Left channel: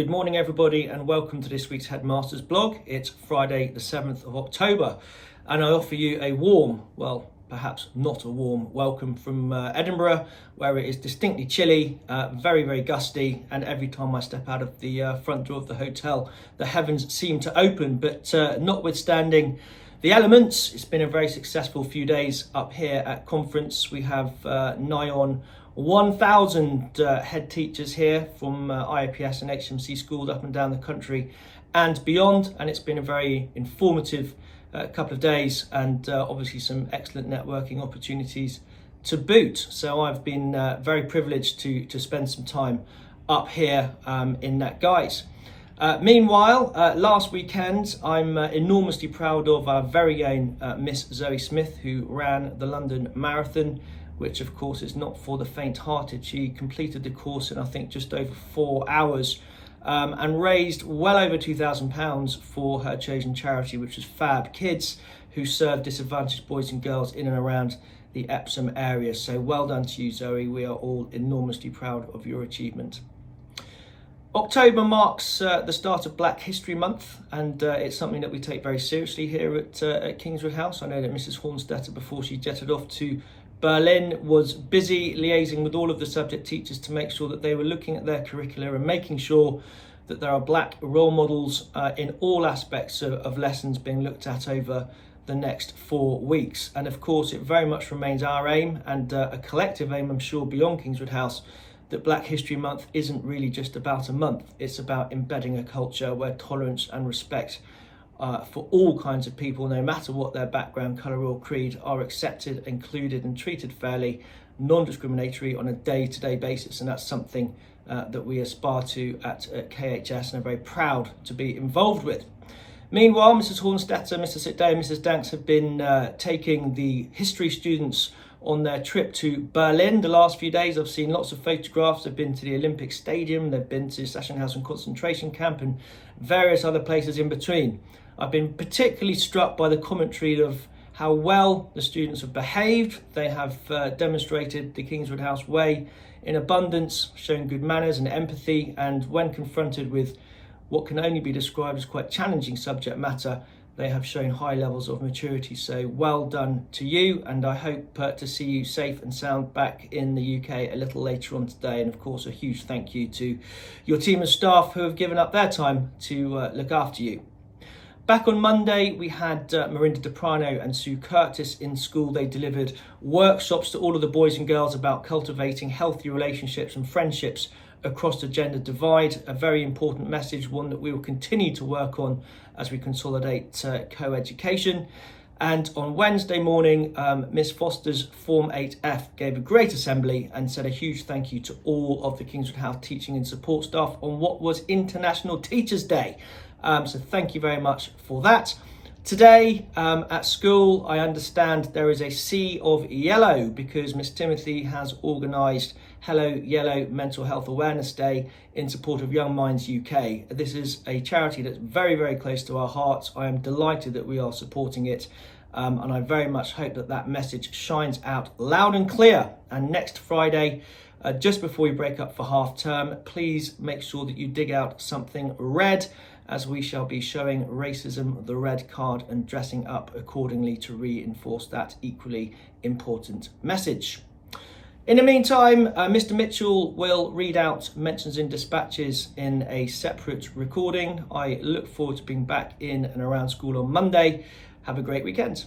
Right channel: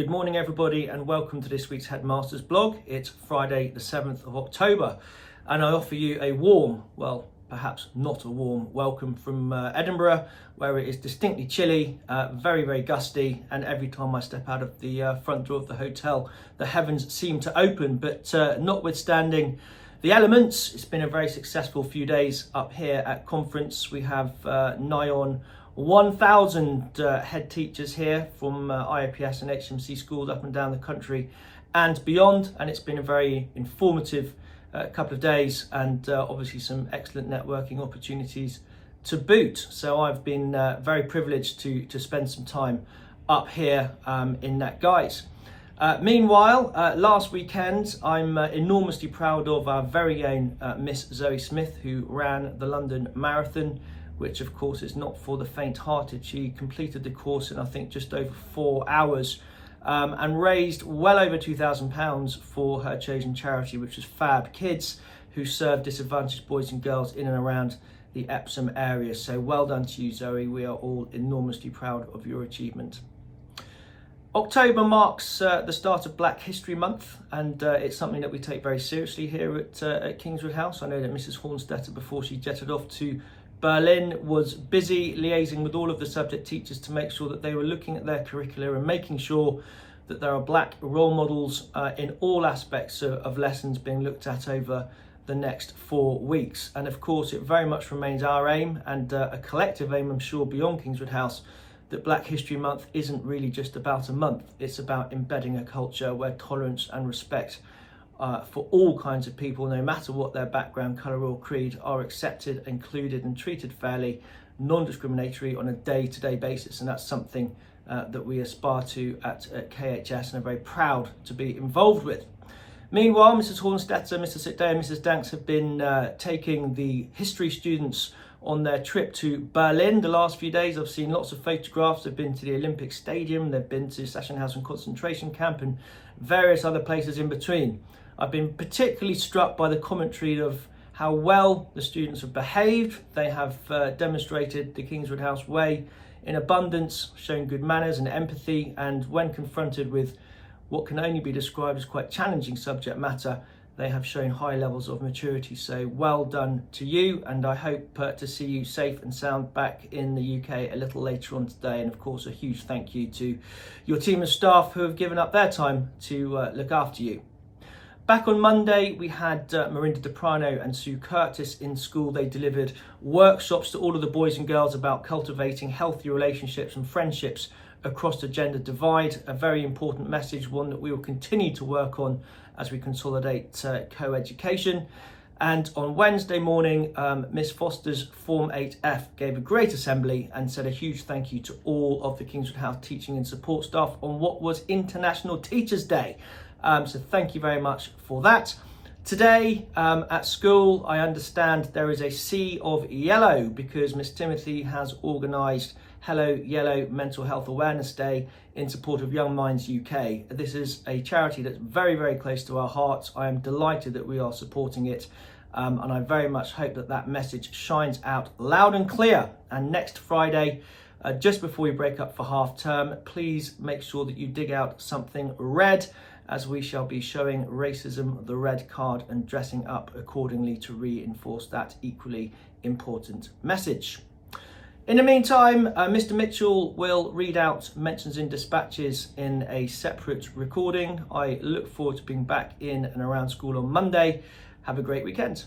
Good morning everybody and welcome to this week's Headmasters blog. It's Friday the 7th of October and I offer you a warm, well perhaps not a warm, welcome from Edinburgh, where it is distinctly chilly, very gusty, and every time I step out of the front door of the hotel the heavens seem to open. But notwithstanding the elements, it's been a very successful few days up here at conference. We have nigh on 1,000 head teachers here from IOPS and HMC schools up and down the country and beyond, and it's been a very informative couple of days and obviously some excellent networking opportunities to boot. So I've been very privileged to spend some time up here in that guise. Meanwhile, last weekend I'm enormously proud of our very own Miss Zoe Smith, who ran the London Marathon, which of course is not for the faint-hearted. She completed the course in I think just over 4 hours and raised well over £2,000 for her chosen charity, which was Fab Kids, who serve disadvantaged boys and girls in and around the Epsom area. So well done to you, Zoe. We are all enormously proud of your achievement. October marks the start of Black History Month, and it's something that we take very seriously here at Kingswood House. I know that Mrs. Hornstetter, before she jetted off to Berlin, was busy liaising with all of the subject teachers to make sure that they were looking at their curricula and making sure that there are black role models in all aspects of lessons being looked at over the next 4 weeks. And of course it very much remains our aim, and a collective aim I'm sure beyond Kingswood House, that Black History Month isn't really just about a month. It's about embedding a culture where tolerance and respect for all kinds of people, no matter what their background, colour or creed, are accepted, included and treated fairly, non-discriminatory on a day-to-day basis. And that's something that we aspire to at KHS and are very proud to be involved with. Meanwhile, Mrs. Hornstetter, Mr. Sickday and Mrs. Danks have been taking the history students on their trip to Berlin the last few days. I've seen lots of photographs. They've been to the Olympic Stadium, they've been to Sachsenhausen concentration camp and various other places in between. I've been particularly struck by the commentary of how well the students have behaved. They have demonstrated the Kingswood House way in abundance, shown good manners and empathy, and when confronted with what can only be described as quite challenging subject matter, they have shown high levels of maturity. So well done to you, and I hope to see you safe and sound back in the UK a little later on today. And of course a huge thank you to your team of staff who have given up their time to look after you. Back on Monday, we had Marinda Deprano and Sue Curtis in school. They delivered workshops to all of the boys and girls about cultivating healthy relationships and friendships across the gender divide. A very important message, one that we will continue to work on as we consolidate co-education. And on Wednesday morning, Miss Foster's Form 8F gave a great assembly and said a huge thank you to all of the Kingswood House teaching and support staff on what was International Teachers' Day. So thank you very much for that. Today at school, I understand there is a sea of yellow because Miss Timothy has organised Hello Yellow Mental Health Awareness Day in support of Young Minds UK. This is a charity that's very close to our hearts. I am delighted that we are supporting it, and I very much hope that that message shines out loud and clear. And next Friday, just before we break up for half term, please make sure that you dig out something red, as we shall be showing racism the red card and dressing up accordingly to reinforce that equally important message. In the meantime, Mr. Mitchell will read out mentions in dispatches in a separate recording. I look forward to being back in and around school on Monday. Have a great weekend.